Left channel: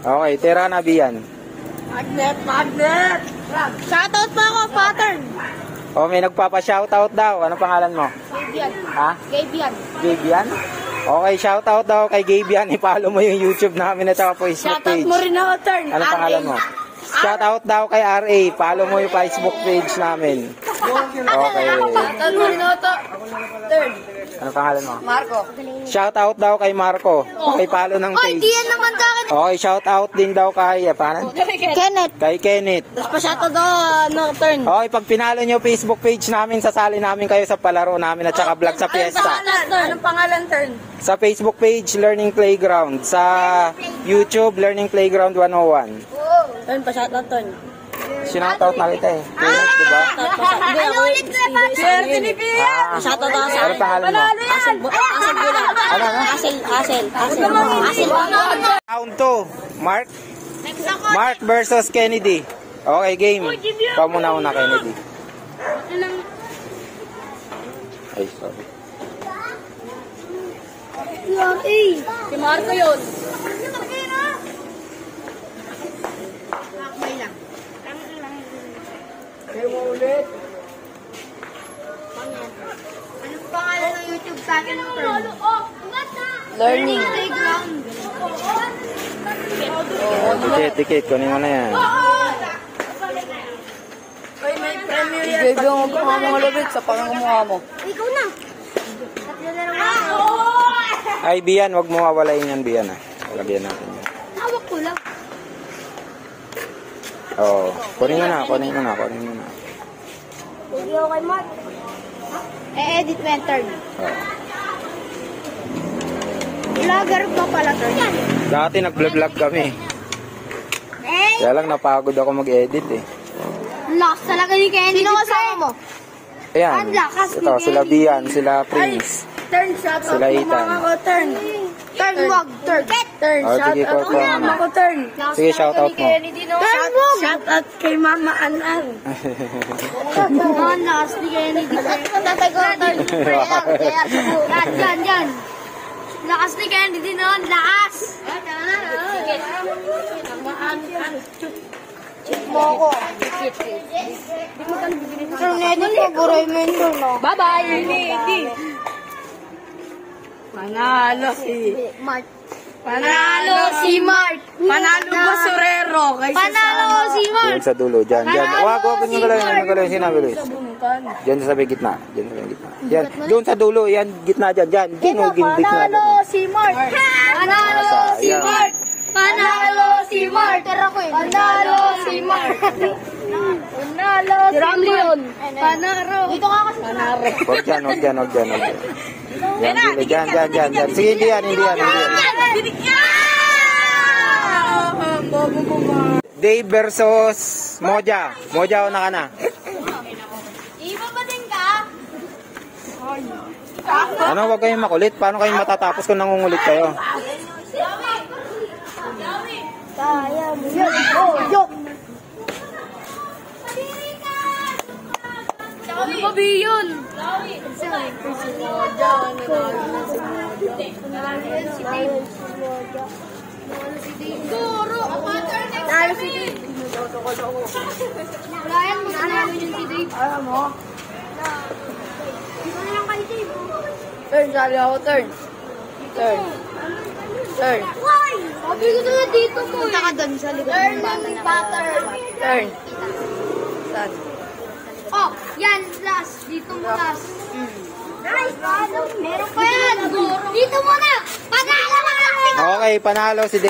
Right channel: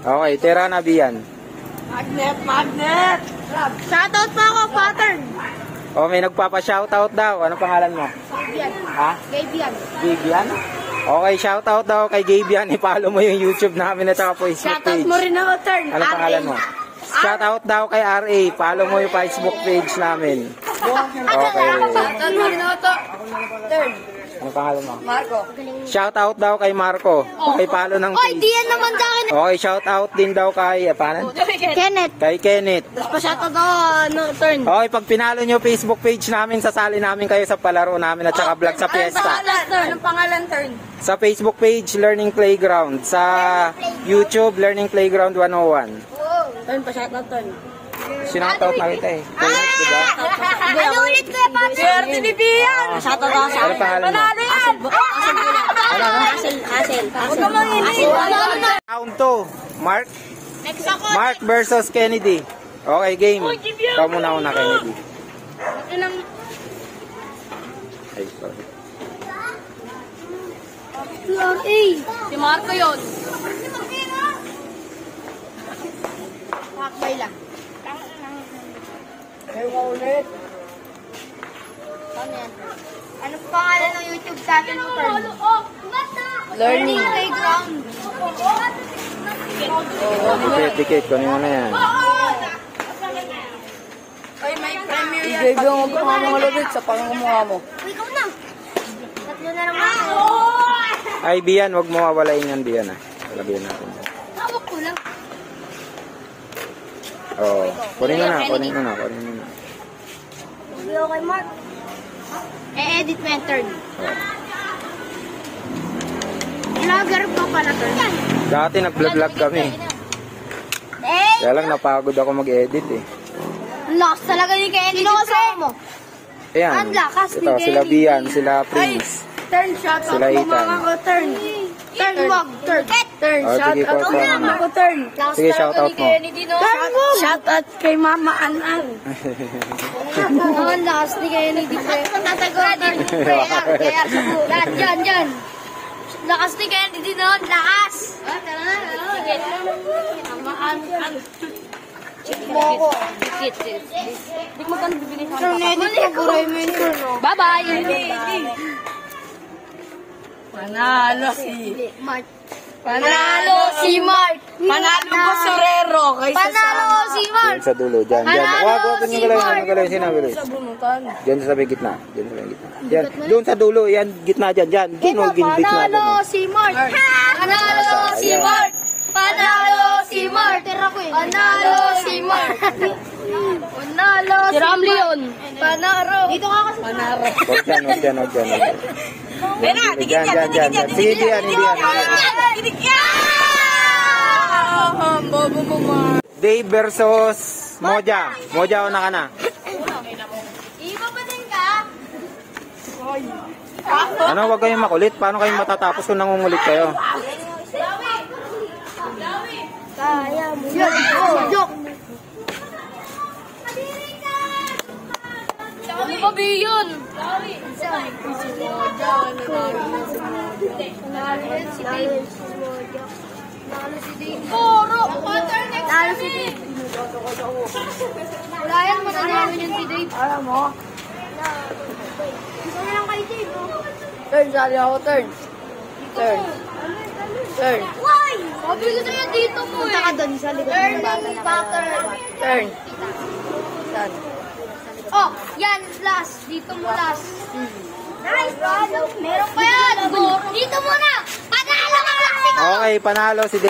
Okay, tira na Bian. Magnet! Shoutout pa ako, pattern! Oh, may nagpapa-shoutout daw. Ano pangalan mo? Gabian. Ha? Gabian. Gabian? Okay, shoutout daw kay Gabian. I-follow mo yung YouTube namin at saka Facebook Shoutout page. mo rin ako, turn. Ano pangalan mo? Shoutout daw kay RA. Follow mo yung Facebook page namin. Okay. Shoutout mo rin ako, turn. Ano pangalan mo? Marco. Shoutout daw kay Marco. Okay, follow ng Oy, page. di yan naman sa akin. Okay, shoutout din daw kay, paano? Kenneth. Kay Kenneth. Pa-shoutout ako, turn. Okay, pag pinalo nyo Facebook page namin, sasali namin kayo sa palaro namin at saka vlog sa piyesta. Anong pangalan, turn? Sa Facebook page, Learning Playground. Sa YouTube, Learning Playground 101. Turn, pa-shoutout, turn. Sinoutout na kita eh. Kenneth, diba? Hindi ako. Shoutout ako sa Ano pangalan mo? Asel Bulan. Ano? Asel. Round 2. Mark versus Kennedy. Okay, game. Ikaw muna Kennedy. Ay, sorry. Si Marco yun. Lakbay lang. Ano pangalan ng YouTube channel mo? Learning Playground. Tikit, kunin mo na yan. I-grade lang ako mga labit sa pangamukha mo. Ikaw na. Ay, Bian, wag mo mawalain yan, Bian, ah. Lagyan natin yan. Hawak ko lang. Oo. Kunin mo na. Edit mo yung turn. Oo. Vlogger pa pala turn. Dati nag-vlog kami. Kaya lang napagod ako mag-edit eh. Lakas talaga ni Kenny. Sino kasama mo? Ayan. Ito, sila Bian, sila Prince. Turn, shout Sila out mo Ethan. mga ko, turn. Turn, wag, turn. Turn, Oh, shout sige, out ko, mo mga ko, turn. Sige, shout out mo. Shout out kay Mama Anan. Ang lakas ni Kenny. Tatago, turn. Kaya, dyan. Lakas ni Kenny din noon, lakas. Sige. Mo ako. Turn edit ko, buray mo yung turn, no? Bye-bye. Panalo si Mark. Panalo Basurero. Panalo si Mark. Diyan sa dulo, dyan. Wag yung galawin, sinabi rin. Diyan sa may gitna. Diyan, doon sa dulo, yan, gitna dyan. Diyan, Panalo si Mark. Panalo si Mark. Panalo si Mark. Panalo si Mark. Panalo si Leon. Panalo. Dito ka kasi panalo. Huwag dyan. Diyan. Sige, Bian, hindi yan. Dave versus Moja. Moja, una ka na. Iba pa din ka? Ano, wag kayong makulit. Paano kayong matatapos kung nangungulit kayo? Kaya mo yun. Oh, joke. Ano ba yun? Lalo si Dave. Alam mo? Ito lang kay Dave. Turn, sabi ako, turn. Why? Sabi ko sa'yo dito mo eh. Punta ka doon sa likod ng bata na Turn. Oh, yan, last. Dito mo last. Nice, meron pa yan. Dito mo na. Panalo ka. Okay, panalo si Dave.